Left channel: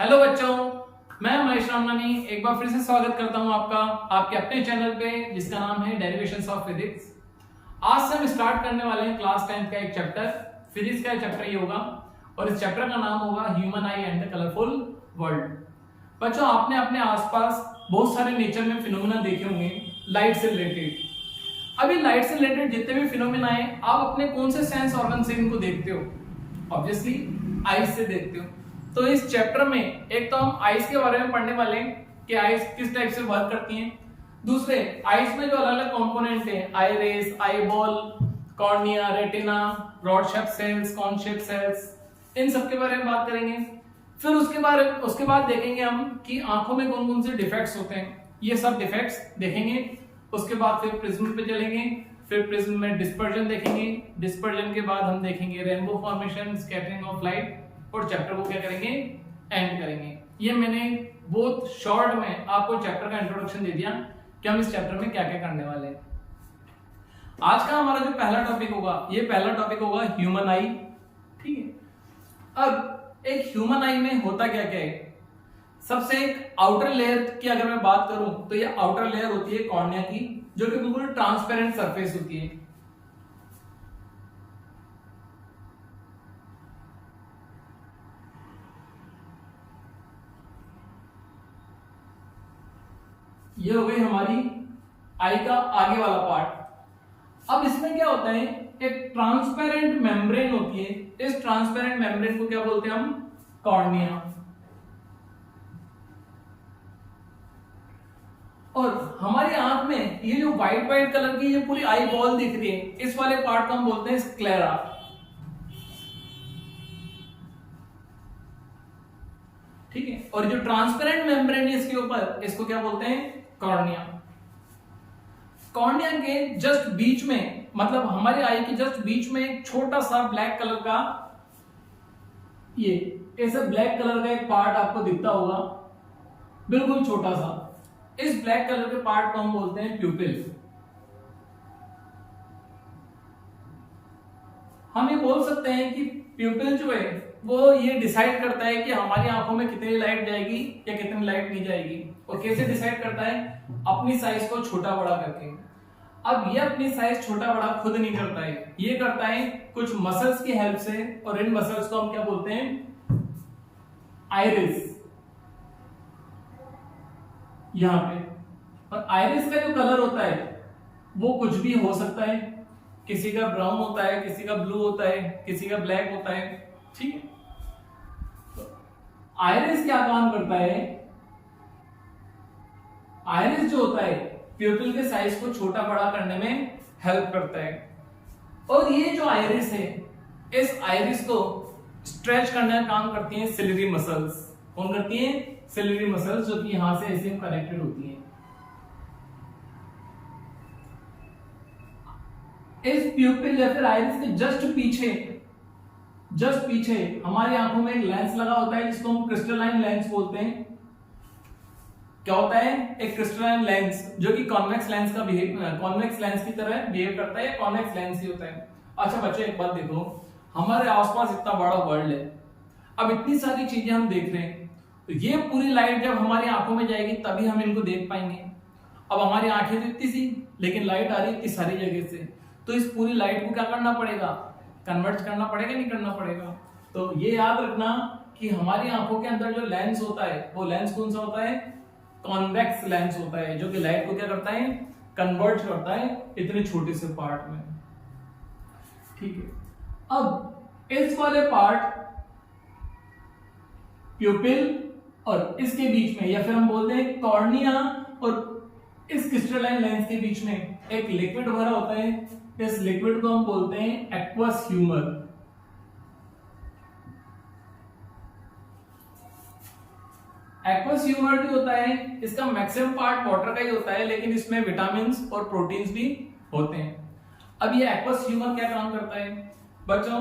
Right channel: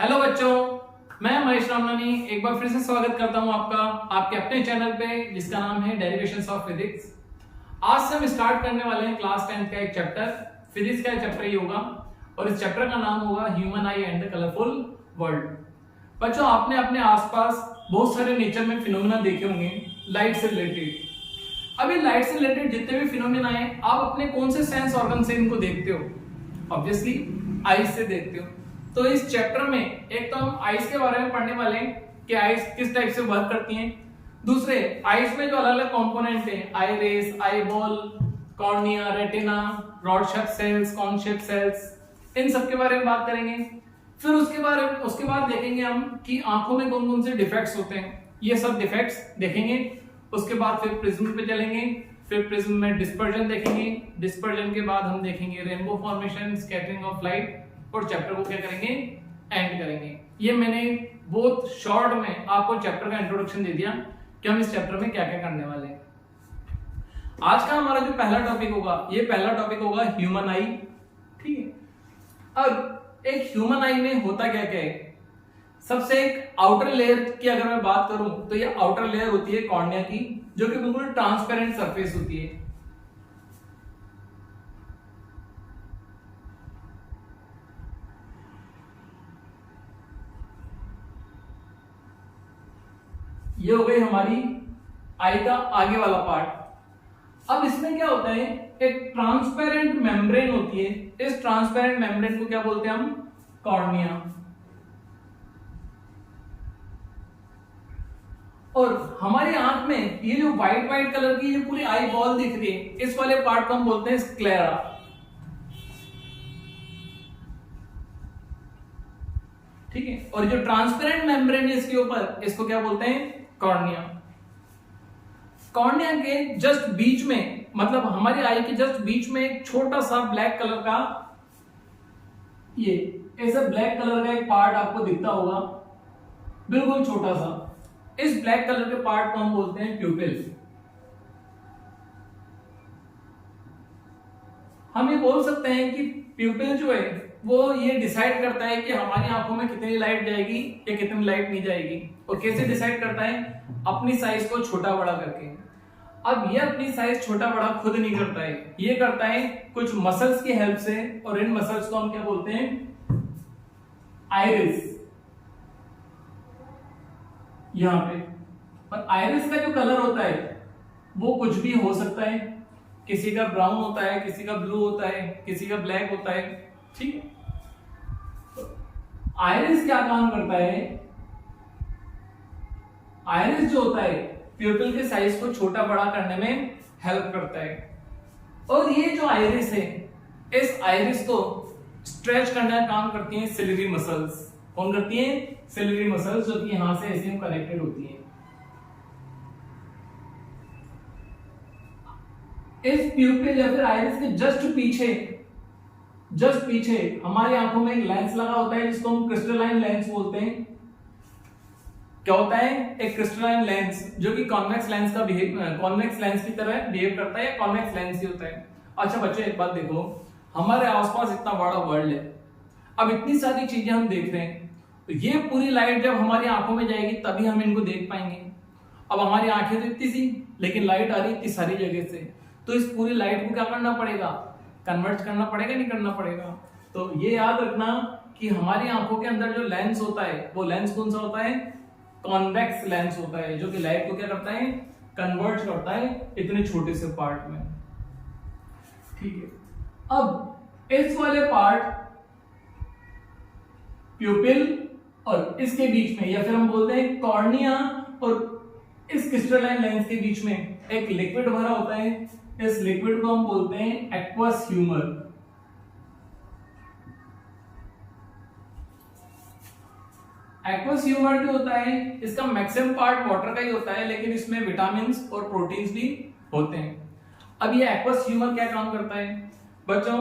Hello बच्चों, मैं महेश रामनानी एक बार फिर से स्वागत करता हूं आपका आपके अपने चैनल पे जिसका नाम है डेरिवेशंस ऑफ फिजिक्स। आज से हम स्टार्ट करने वाले हैं क्लास 10 का एक चैप्टर, फिजिक्स का चैप्टर ये होगा और इस चैप्टर का नाम होगा human I and the colourful world. बच्चों, आपने अपने आसपास बहुत सारे नेचर में फिनोमेना देखे होंगे लाइट से रिलेटेड। अभी लाइट से रिलेटेड जितने भी फिनोमेना है आप अपने कौन से सेंस ऑर्गन से इनको देखते हो? ऑब्वियसली आईज से देखते हो। तो इस चैप्टर में एक तो हम आइज के बारे में पढ़ने वाले हैं कि आइज किस टाइप से वर्क करती हैं। दूसरे, आइज में जो अलग अलग कंपोनेंट हैं, iris, eyeball, cornea, retina, rod shape cells, cone shape cells, इन सब के बारे में बात करेंगे। फिर उसके बाद देखेंगे हम कि आंखों में कौन कौन से डिफेक्ट्स होते हैं, ये सब डिफेक्ट्स देखेंगे। उसके बाद फिर प्रिज्म पे चलेंगे, फिर प्रिज्म में डिस्पर्जन देखेंगे। डिस्पर्जन के बाद हम देखेंगे rainbow formation, scattering of light और चैप्टर को क्या करेंगे, एंड करेंगे। ये मैंने बहुत शॉर्ट में आपको चैप्टर का इंट्रोडक्शन दे दिया कि हम इस चैप्टर में क्या क्या करने वाले हैं। आज का हमारा जो पहला टॉपिक होगा, ये पहला टॉपिक होगा ह्यूमन आई। ठीक है, अब एक ह्यूमन आई में होता क्या क्या है। सबसे एक आउटर लेयर की अगर मैं बात करूं तो ये आउटर लेयर होती है कॉर्निया की, जो कि बिल्कुल ट्रांसपेरेंट सरफेस होती है। ये हो गई हमारी आई का आगे वाला पार्ट। अब इसमें क्या होता है, एक ट्रांसपेरेंट मेम्ब्रेन होती है। इस ट्रांसपेरेंट मेम्ब्रेन को क्या बोलते हैं हम, कॉर्निया। और हमारी आंख में ये जो व्हाइट व्हाइट कलर की ये पूरी आई बॉल दिख रही है, इस वाले पार्ट को हम बोलते हैं स्क्लेरा। ठीक है, और जो ट्रांसपेरेंट मेम्ब्रेन है इसके ऊपर, इसको क्या बोलते हैं, कॉर्निया। कॉर्निया के जस्ट बीच में, मतलब हमारी आई के जस्ट बीच में एक छोटा सा ब्लैक कलर का, ये ऐसे ब्लैक कलर का एक पार्ट आपको दिखता होगा, बिल्कुल छोटा सा। इस ब्लैक कलर के पार्ट को हम बोलते हैं प्यूपिल। हम ये बोल सकते हैं कि प्यूपिल जो है वो ये डिसाइड करता है कि हमारी आंखों में कितनी लाइट जाएगी या कितनी लाइट नहीं जाएगी। और कैसे डिसाइड करता है, अपनी साइज को छोटा बड़ा करके। अब ये अपनी साइज छोटा बड़ा खुद नहीं करता है, ये करता है कुछ मसल्स की हेल्प से, और इन मसल्स को हम क्या बोलते हैं, आइरिस। यहां पे, और आइरिस का जो कलर होता है वो कुछ भी हो सकता है। किसी का ब्राउन होता है, किसी का ब्लू होता है, किसी का ब्लैक होता है। ठीक है, आइरिस क्या काम करता है, आइरिस जो होता है प्यूपिल के साइज को छोटा बड़ा करने में हेल्प करता है। और ये जो आइरिस है, इस आइरिस को स्ट्रेच करने का काम करती हैं सिलियरी मसल्स। कौन करती हैं, सिलियरी मसल्स, जो कि यहां से ऐसे कनेक्टेड होती हैं। इस प्यूपिल या फिर आइरिस के जस्ट पीछे हमारी आंखों में एक लेंस लगा होता है, जिसको हम क्रिस्टलाइन लेंस बोलते हैं। क्या होता है, एक क्रिस्टलाइन लेंस जो कि कॉन्वेक्स लेंस की तरह बिहेव करता है, कॉन्वेक्स लेंस ही होता है। अच्छा बच्चों, एक बात देखो, हमारे आसपास इतना बड़ा वर्ल्ड है, अब इतनी सारी चीजें हम देख रहे हैं, तो ये पूरी लाइट जब हमारी आंखों में जाएगी तभी हम इनको देख पाएंगे। अब हमारी आंखें तो इतनी सी, लेकिन लाइट आ रही इतनी सारी जगह से, तो इस पूरी लाइट को क्या करना पड़ेगा, कन्वर्ट करना पड़ेगा, नहीं करना पड़ेगा। तो ये याद रखना कि हमारी आंखों के अंदर जो लेंस होता है, वो लेंस कौन सा होता है, कॉन्वेक्स लेंस होता है, जो कि लाइट को क्या करता है, कन्वर्ट करता है इतने छोटे से पार्ट में। ठीक है, अब इस वाले पार्ट प्यूपिल और इसके बीच में, या फिर हम बोलते हैं कॉर्निया और इस क्रिस्टलाइन लेंस के बीच में एक लिक्विड भरा होता है। इस लिक्विड को हम बोलते हैं एक्वस ह्यूमर। एक्वस ह्यूमर जो होता है, इसका मैक्सिमम पार्ट वाटर का ही होता है, लेकिन इसमें विटामिन्स और प्रोटीन्स भी होते हैं। अब ये एक्वस ह्यूमर क्या काम करता है बच्चों,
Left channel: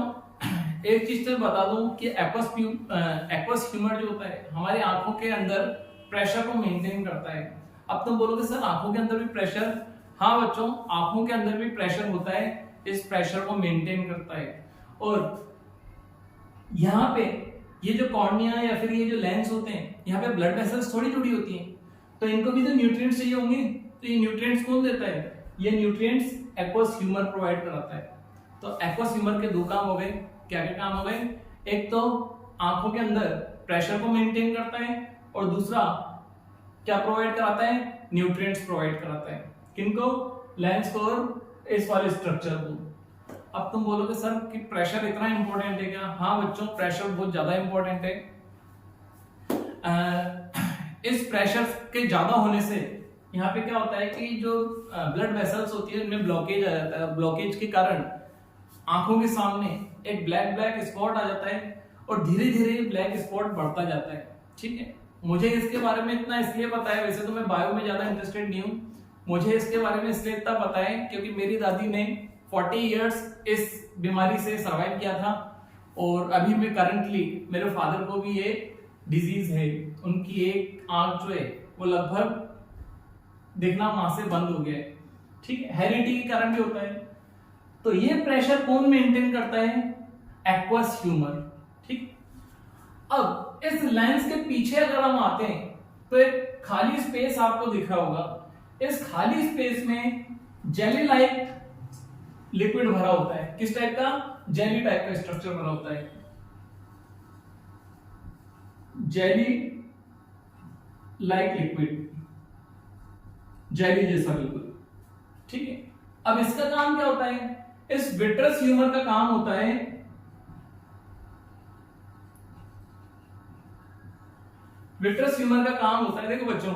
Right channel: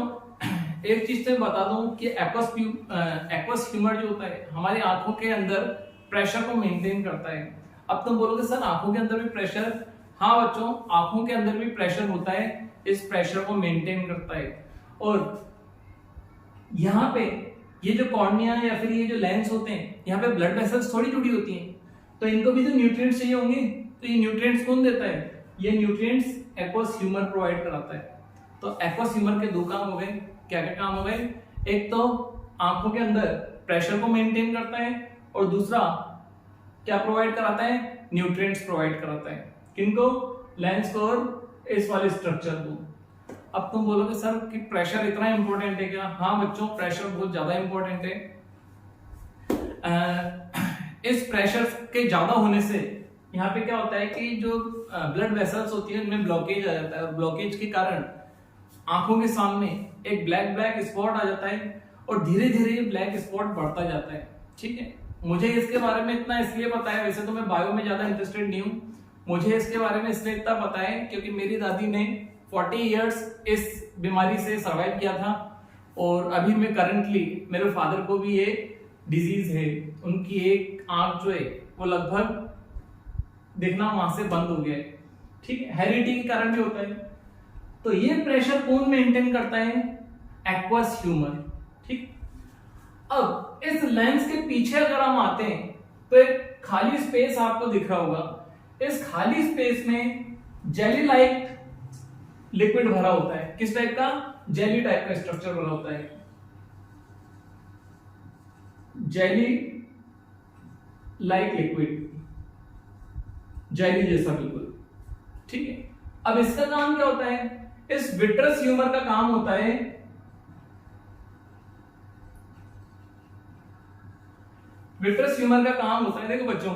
एक चीज से बता दूं कि एक्वस ह्यूमर जो होता है हमारी आंखों के अंदर प्रेशर को मेंटेन करता है। अब तुम बोलोगे सर आंखों के अंदर भी प्रेशर, हाँ बच्चों, आंखों के अंदर भी प्रेशर होता है, इस प्रेशर को मेंटेन करता है। और यहाँ पे ये जो कॉर्निया या फिर ये जो लेंस होते हैं, यहाँ पे ब्लड वेसल्स थोड़ी जुड़ी होती हैं, तो इनको भी तो न्यूट्रिएंट्स चाहिए होंगे। तो ये न्यूट्रिएंट्स कौन देता है? ये न्यूट्रिएंट्स एक्वस ह्यूमर प्रोवाइड कराता है। तो एक्वस ह्यूमर के दो काम हो गए। क्या क्या काम हो गए? एक तो आंखों के अंदर प्रेशर को मेंटेन करता है, और दूसरा क्या प्रोवाइड कराता है? न्यूट्रिएंट्स प्रोवाइड कराता है। किनको? लेंस को और इस वाले स्ट्रक्चर को। अब तुम बोलोगे सर कि प्रेशर इतना इंपॉर्टेंट है क्या? हाँ बच्चों, प्रेशर बहुत ज्यादा इंपॉर्टेंट है। इस प्रेशर के ज्यादा होने से यहाँ पे क्या होता है कि जो ब्लड वेसल्स होती है उनमें ब्लॉकेज आ जाता है, और ब्लॉकेज के कारण आंखों के सामने एक ब्लैक ब्लैक स्पॉट आ जाता है, और धीरे धीरे ये ब्लैक स्पॉट बढ़ता जाता है। ठीक है, मुझे इसके बारे में इतना इसलिए पता है, वैसे तो मैं बायो में ज्यादा इंटरेस्टेड नहीं हूँ, मुझे इसके बारे में इसलिए इतना पता है क्योंकि मेरी दादी ने 40 इयर्स इस बीमारी से सर्वाइव किया था, और अभी मैं करंटली मेरे फादर को भी ये डिजीज है। उनकी एक आंख जो है वो लगभग देखना वहां से बंद हो गया है। ठीक है, हेरिडिटी के कारण भी होता है। तो ये प्रेशर कौन मेंटेन करता है? Aqueous humour. ठीक, अब इस लेंस के पीछे अगर हम आते हैं तो एक खाली स्पेस आपको दिख रहा होगा। इस खाली स्पेस में जेली लाइक लिक्विड भरा होता है। किस टाइप का? जेली टाइप का स्ट्रक्चर बना होता है, जेली लाइक लिक्विड, जेली जैसा बिल्कुल। ठीक है, अब इसका काम क्या होता है? इस विट्रस ह्यूमर का काम होता है विट्रस ह्यूमर का काम होता है, देखो बच्चों,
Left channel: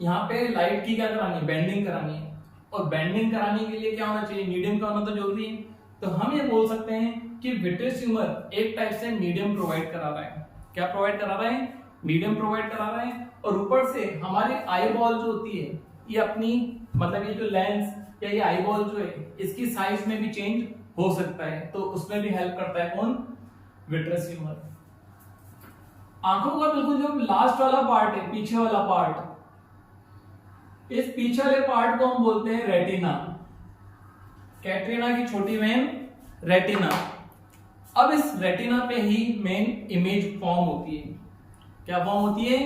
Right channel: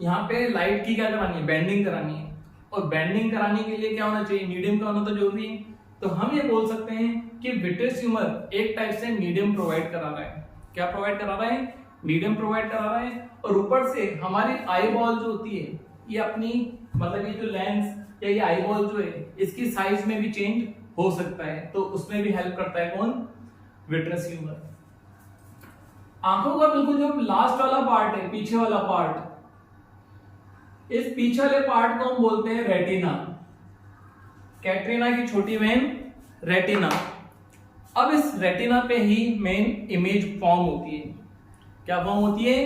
यहाँ पे लाइट की क्या करानी है? बेंडिंग करानी है, और बेंडिंग कराने के लिए क्या होना चाहिए? मीडियम का होना तो जरूरी है। तो हम ये बोल सकते हैं कि विट्रस ह्यूमर एक टाइप से मीडियम प्रोवाइड करा रहा है। क्या प्रोवाइड करा रहा है? मीडियम प्रोवाइड करा रहा है। और ऊपर से हमारी आई बॉल जो होती है, ये अपनी मतलब ये जो लेंस या ये आई बॉल जो है, इसकी साइज में भी चेंज हो सकता है, तो उसमें भी हेल्प करता है कौन? Vitreous humour. आंखों का बिल्कुल जो लास्ट वाला पार्ट है, पीछे वाला पार्ट, इस पीछे वाले पार्ट को हम बोलते हैं रेटिना। कैटरीना की छोटी वेन रेटिना। अब इस रेटिना पे ही मेन इमेज फॉर्म होती है। क्या फॉर्म होती है?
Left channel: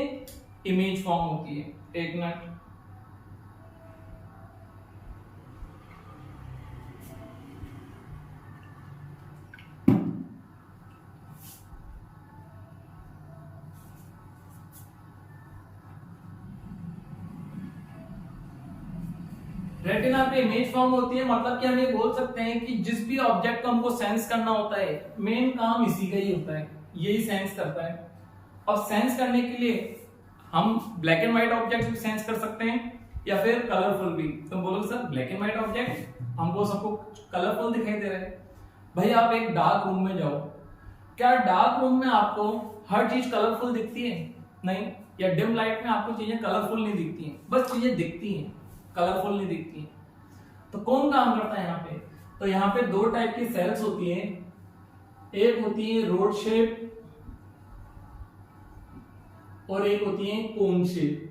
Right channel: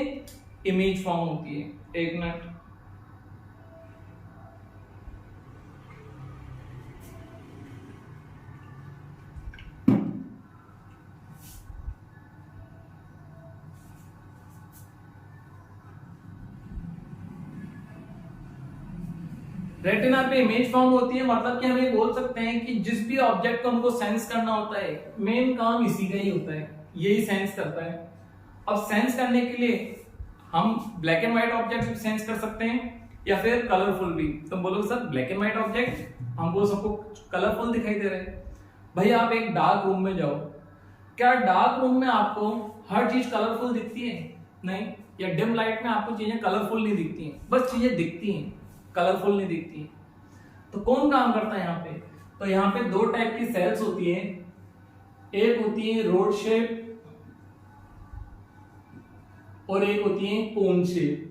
इमेज फॉर्म होती है। एक मिनट, रेटिना पे इमेज फॉर्म होती है। मतलब कि हम ये बोल सकते हैं कि जिस भी ऑब्जेक्ट को हमको सेंस करना होता है, मेन काम इसी का ही होता है, यही सेंस करता है। अब सेंस करने के लिए हम ब्लैक एंड व्हाइट ऑब्जेक्ट भी सेंस कर सकते हैं, या फिर कलरफुल भी। तुम बोलोगे sir black and white object हमको सबको कलरफुल दिखाई दे रहे हैं। भाई आप एक डार्क रूम में जाओ, क्या डार्क रूम में आपको हर चीज कलरफुल दिखती है? नहीं। या डिम लाइट में आपको चीजें कलरफुल नहीं दिखती हैं, बस चीजें दिखती हैं, कलरफुल नहीं दिखती हैं। तो कौन काम करता है यहाँ पे? तो यहाँ पे दो टाइप की सेल्स होती है। एक होती है रोड शेप और एक होती है cone shape.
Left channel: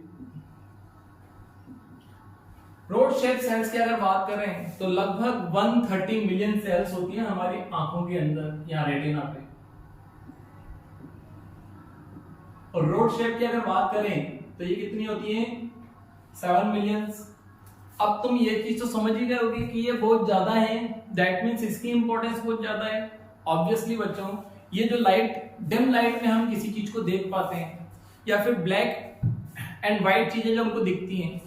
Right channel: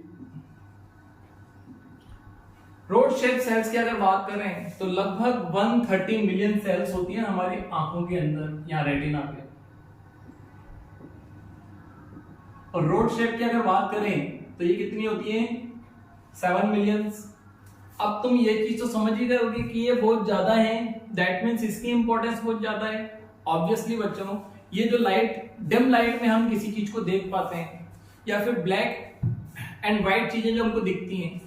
Rod shape cells की अगर बात करें तो लगभग 130 मिलियन सेल्स होती हैं हमारी आंखों के अंदर, यहाँ रेटिना पे। और रोड शेप की अगर बात करें तो ये कितनी होती है? 7 मिलियन। अब तुम ये चीज तो समझ ही गए होगी कि ये बहुत ज्यादा है, दैट मीन्स इसकी इंपॉर्टेंस बहुत ज्यादा है। ऑब्वियसली बच्चों, ये जो लाइट, डिम लाइट में हम किसी चीज को देख पाते हैं, या फिर ब्लैक एंड व्हाइट चीजें जो हमको दिखती हैं,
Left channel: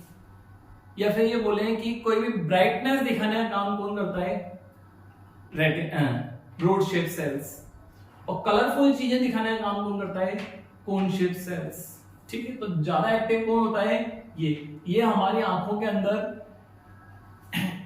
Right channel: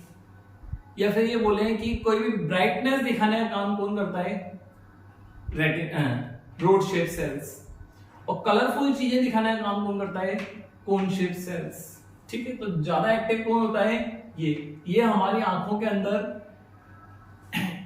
या फिर ये बोले कि कोई भी ब्राइटनेस दिखाने का काम कौन करता है? Rod shape cells. और कलरफुल चीजें दिखाने का काम कौन करता है? Cone shape cells. ठीक है, तो ज्यादा एक्टिव कौन होता है? ये हमारी आंखों के अंदर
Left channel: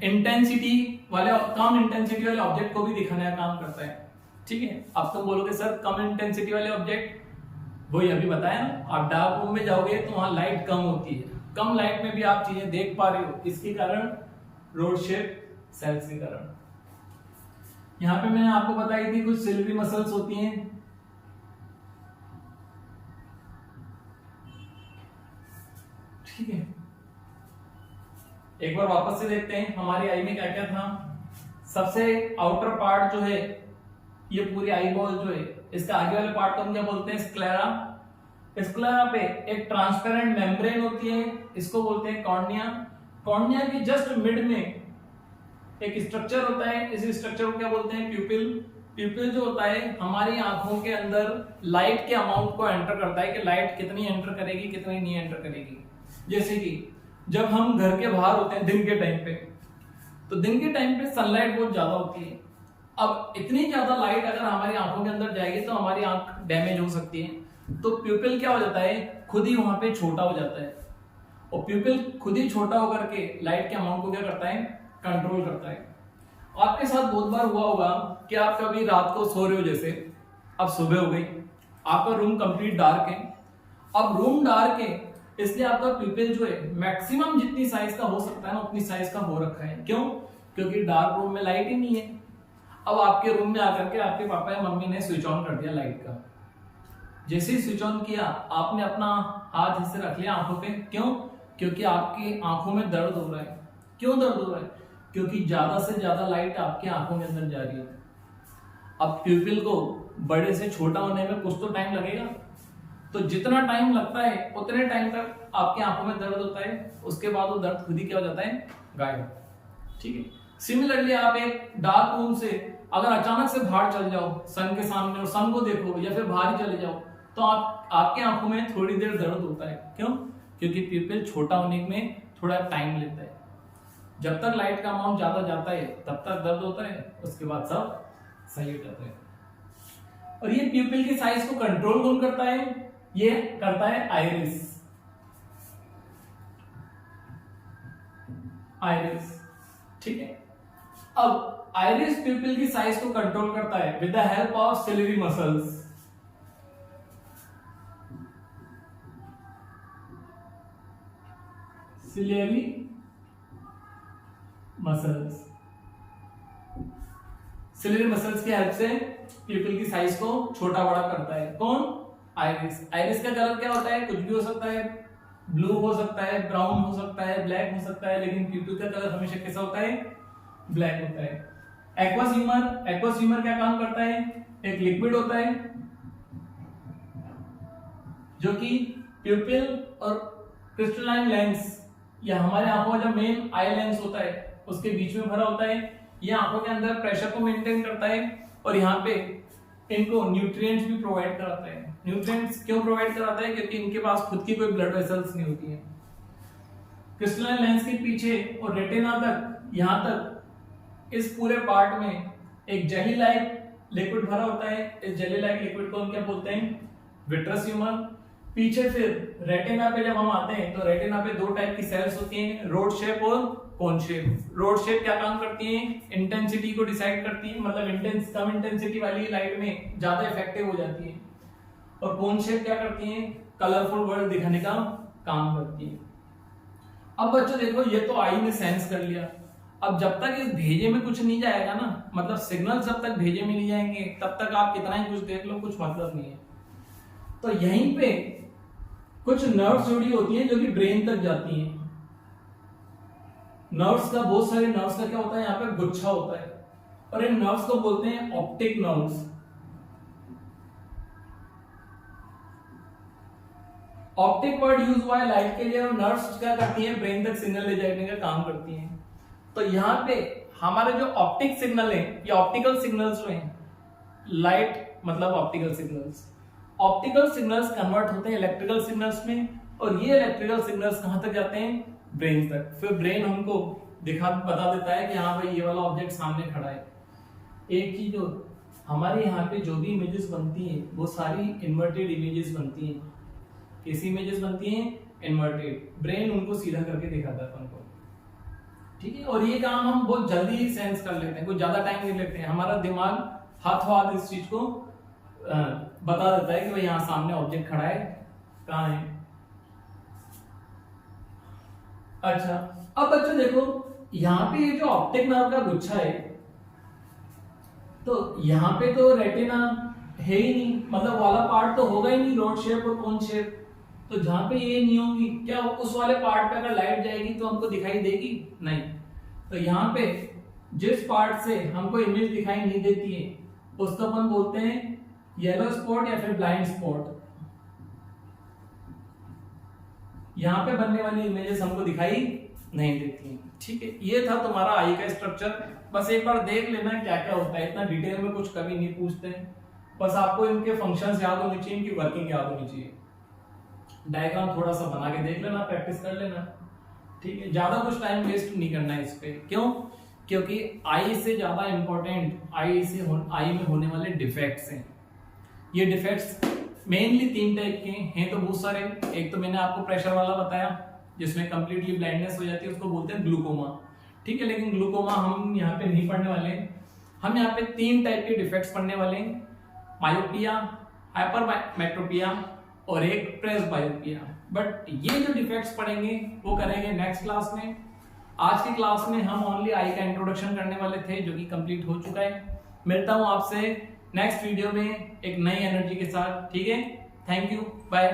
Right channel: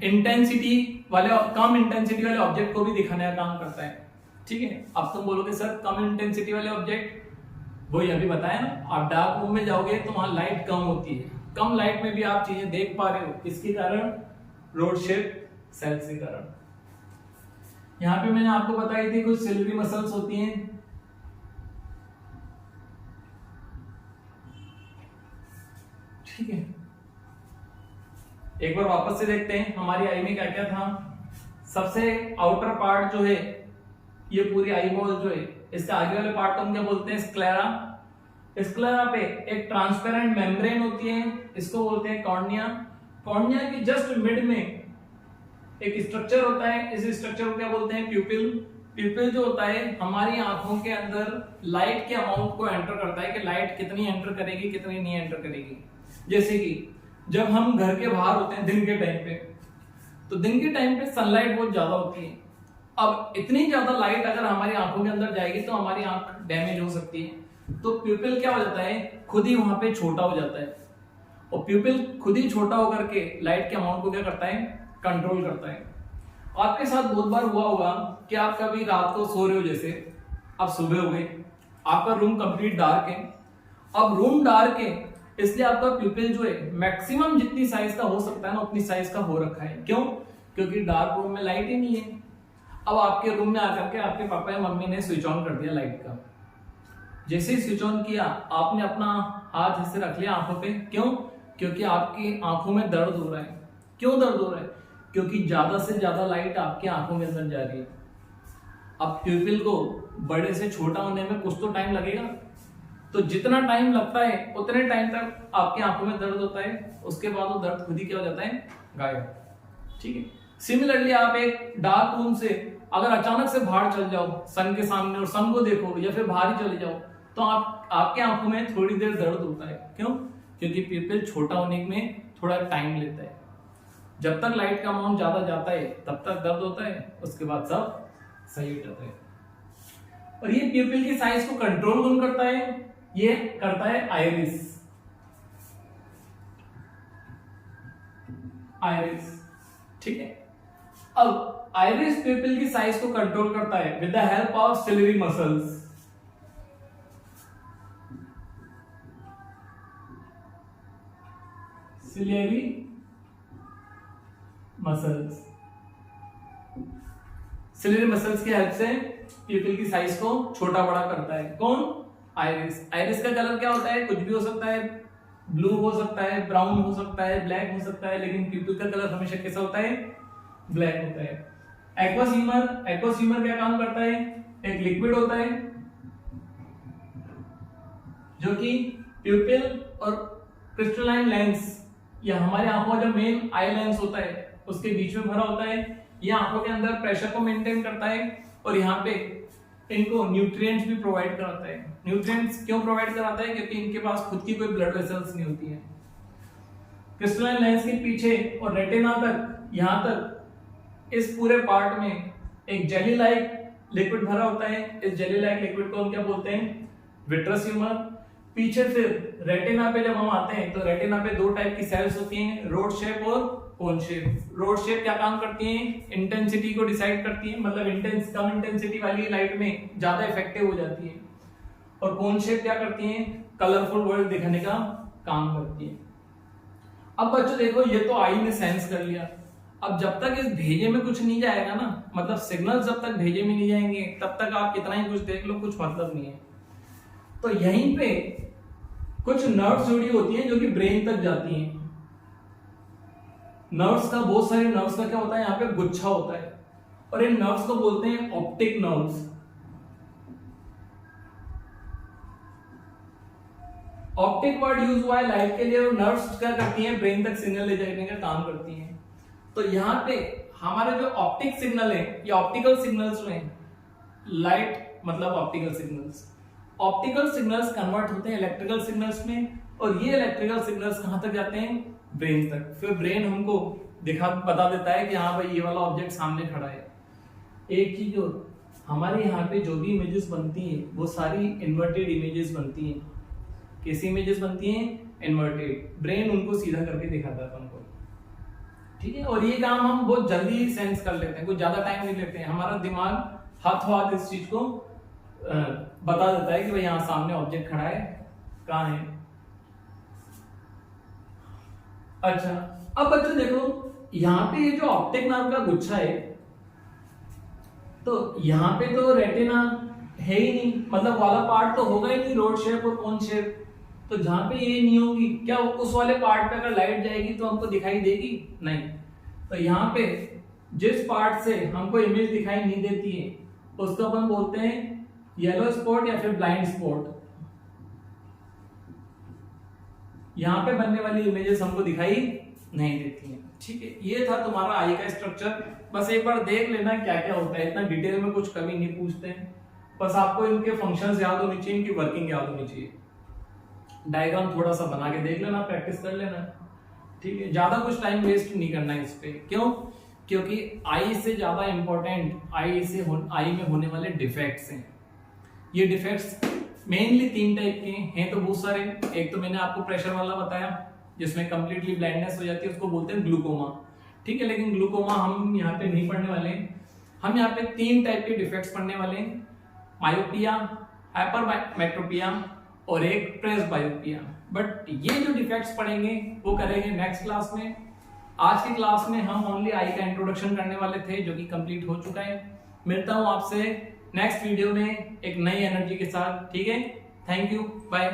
इंटेंसिटी वाले, कम इंटेंसिटी वाले ऑब्जेक्ट को भी दिखाने का काम करता है। ठीक है, अब तुम बोलोगे सर कम इंटेंसिटी वाले ऑब्जेक्ट, वही अभी बताया ना, आप डार्क रूम में जाओगे तो वहां लाइट कम होती है, कम लाइट में भी आप चीजें देख पा रहे हो, किसके कारण? रोड शेप सेल्स के कारण। यहां पे मैंने आपको बताई थी कुछ सिल्वरी मसल्स होती हैं। ठीक है, एक बार वापस से देखते हैं हमारी आई में क्या क्या था। सबसे आउटर पार्ट जो है, ये पूरी आई बॉल जो है इसके आगे वाले पार्ट को हम क्या बोलते हैं? स्क्लेरा। स्क्लेरा पे एक ट्रांसपेरेंट मेम्ब्रेन होती है, इसको बोलते हैं कॉर्निया। कॉर्निया की जस्ट मिड में एक स्ट्रक्चर होता है, इस स्ट्रक्चर को क्या बोलते हैं? प्यूपिल। प्यूपिल जो होता है हमारी आंखों के अंदर लाइट के अमाउंट को एंटर करता है कि लाइट कितनी एंटर करेगी कितनी नहीं एंटर करेगी। जैसे कि जब हम घर के बाहर होते हैं दिन के टाइम पे, तो दिन के टाइम पे सनलाइट बहुत ज्यादा होती है। अब इतनी ज्यादा लाइट अगर हमारी आंखों के अंदर जाएगी तो हमारी आंख डैमेज हो सकती है। तो प्यूपिल क्या हो जाता है? खुद ही वहां पे छोटा हो जाता है, और प्यूपिल खुद ही छोटा होकर के लाइट के अमाउंट को क्या करता है? कंट्रोल करता है। आपके साथ बहुत बार हुआ होगा कि आप कभी रात को सो रहे हो, जैसे अब सुबह हो गई, आपका रूम कंप्लीट डार्क है। अब रूम डार्क है इसलिए आपका प्यूपिल जो है मैक्सिमम जितनी साइज का हो सकता है ना उतनी साइज का हो रखा है। क्यों? क्योंकि डार्क रूम में लाइट ही नहीं है। अब आपके रूम में आकर के आपके पापा या मम्मी ने स्विच ऑन कर दिया लाइट का। जैसे ही स्विच ऑन किया आपने अपना हाथ इससे रख लिया आंखों पे। क्यों? क्योंकि आपकी आंखों में दर्द हो रहा है। क्यों दर्द हो रहा है? क्योंकि ज्यादा से ज्यादा लाइट आपकी आंखों के अंदर जा रही है। अब प्यूपिल को बड़े से छोटा होने में कुछ तो टाइम लगेगा, तो जितना टाइम लगता है उतने टाइम तक आपकी आंखों में दर्द होता है, उसके बाद वो दर्द खुद ही क्या हो जाता है? गायब। ठीक है। सिमिलरली आप एक डार्क रूम से अगर अचानक से बाहर चल जाओ सन के सामने और सन को देखो, या फिर बाहर ही चले जाओ, तो आपके आंखों में थोड़ी देर दर्द होता है। क्यों? क्योंकि प्यूपिल छोटा होने में थोड़ा टाइम लेता है। जब तक लाइट का अमाउंट ज्यादा जाता है तब तक दर्द होता है, उसके बाद सब सही हो जाता है। और ये प्यूपिल की साइज को कंट्रोल कौन करता है? ये करता है आइरिस। आइरिस, ठीक है। अब आइरिस प्यूपिल की साइज को कंट्रोल करता है with the help of ciliary muscles. Ciliary muscles, ciliary muscles की हेल्प से प्यूपिल की साइज को छोटा बड़ा करता है। कौन? आइरिस। आइरिस का कलर क्या होता है? कुछ भी हो सकता है, ब्लू हो सकता है, ब्राउन हो सकता है, ब्लैक हो सकता है, लेकिन प्यूपिल का कलर हमेशा कैसा होता है? ब्लैक होता है। एक्वस ह्यूमर, एक्वस ह्यूमर क्या काम करता है? एक लिक्विड होता है जो कि प्यूपिल और क्रिस्टलाइन लेंस या हमारे आंखों का जो मेन आई लेंस होता है उसके बीच में भरा होता है। यह आंखों के अंदर प्रेशर को मेंटेन करता है और यहाँ पे इनको न्यूट्रिएंट्स भी प्रोवाइड कराता है। न्यूट्रिएंट्स क्यों प्रोवाइड कराता है? क्योंकि इनके पास खुद की कोई ब्लड वेसल्स नहीं होती है। क्रिस्टलाइन लेंस के पीछे और रेटिना तक, यहाँ तक इस पूरे पार्ट में एक जेली लाइक लिक्विड भरा होता है। इस जेली लाइक लिक्विड को हम क्या बोलते हैं? Vitreous humour. पीछे फिर रेटिना पे जब हम आते हैं तो रेटिना पे दो टाइप की सेल्स होती हैं, रोड शेप और कोन शेप। रोड शेप क्या काम करती हैं? इंटेंसिटी को डिसाइड करती हैं, मतलब कम इंटेंसिटी वाली लाइट में ज्यादा इफेक्टिव हो जाती है। और कोन शेप क्या करती हैं? कलरफुल वर्ल्ड दिखाने का काम करती है। अब बच्चों देखो, ये तो आई ने सेंस कर लिया। अब जब तक इस भेजे में कुछ नहीं जाएगा ना, मतलब सिग्नल जब तक भेजे में नहीं जाएंगे तब तक आप कितना ही कुछ देख लो, कुछ मतलब नहीं है। तो यहीं पे कुछ नर्व्स जुड़ी होती हैं जो कि ब्रेन तक जाती हैं। नर्व्स का, बहुत सारे नर्व्स का क्या होता है? यहाँ पे गुच्छा होता है और इन नर्व्स को बोलते हैं optic nerves. Optic word use हुआ है लाइट के लिए, और नर्व्स क्या करती हैं? ब्रेन तक सिग्नल ले जाने का काम करती हैं। तो यहाँ पे हमारे जो ऑप्टिक सिग्नल है या ऑप्टिकल सिग्नल्स जो हैं, लाइट मतलब optical signals, optical signals convert होते हैं इलेक्ट्रिकल सिग्नल्स में, और ये इलेक्ट्रिकल सिग्नल्स कहां तक जाते हैं? ब्रेन तक। फिर ब्रेन हमको बता देता है कि हाँ भाई ये वाला ऑब्जेक्ट सामने खड़ा है। एक चीज जो हमारे यहाँ पे जो भी इमेजेस बनती हैं वो सारी इन्वर्टेड इमेजेस बनती हैं। कैसी इमेजेस बनती हैं? इन्वर्टेड। ब्रेन उनको सीधा करके दिखाता है हमको, ठीक है। और ये काम हम बहुत जल्दी सेंस कर लेते हैं, कुछ ज्यादा टाइम नहीं लेते हैं। हमारा दिमाग हाथों हाथ इस चीज को बता देता है कि भाई यहाँ सामने ऑब्जेक्ट खड़ा है, कहाँ है। अच्छा, अब बच्चों देखो, यहाँ पे ये जो ऑप्टिक नर्व का गुच्छा है, तो यहाँ पे तो रेटिना है ही नहीं, मतलब वाला पार्ट तो होगा ही नहीं, रोड शेप और कोन शेप। तो जहां पे ये नहीं होगी, क्या उस वाले पार्ट पे अगर लाइट जाएगी तो हमको दिखाई देगी? नहीं। तो यहाँ पे जिस पार्ट से हमको इमेज दिखाई नहीं देती है उसको अपन बोलते हैं येलो स्पॉट या फिर ब्लाइंड स्पॉट, यहां पे बनने वाली इमेजेस हमको दिखाई नहीं देती हैं। ठीक है, ये था तुम्हारा आई का स्ट्रक्चर। बस एक बार देख लेना क्या क्या होता है, इतना डिटेल में कुछ कभी नहीं पूछते हैं, बस आपको इनके फंक्शंस याद होनी चाहिए, इनकी वर्किंग याद होनी चाहिए। डायग्राम थोड़ा सा बना के देख लेना, प्रैक्टिस कर लेना। ठीक है, ज्यादा कुछ टाइम वेस्ट नहीं करना है इस पे। क्यों? क्योंकि आई से ज्यादा इंपॉर्टेंट आई में होने वाले डिफेक्ट्स हैं। ये डिफेक्ट्स मेनली 3 टाइप के हैं, तो बहुत सारे। एक तो मैंने आपको प्रेशर वाला बताया, जिसमें कंप्लीटली ब्लाइंडनेस हो जाती है, उसको बोलते हैं ग्लूकोमा। ठीक है, लेकिन ग्लूकोमा हम यहाँ पे नहीं पढ़ने वाले हैं। हम यहाँ पे 3 टाइप के डिफेक्ट्स पढ़ने वाले हैं, मायोपिया, हाइपरमेट्रोपिया और एक प्रेसबायोपिया। बट ये जो डिफेक्ट्स पढ़ेंगे वो करेंगे नेक्स्ट क्लास में। आज की क्लास में हम ओनली आई का इंट्रोडक्शन करने वाले थे, जो कि कंप्लीट हो चुका है। मिलता हूं आपसे नेक्स्ट वीडियो में एक नई एनर्जी के साथ। ठीक है, थैंक यू, बाय।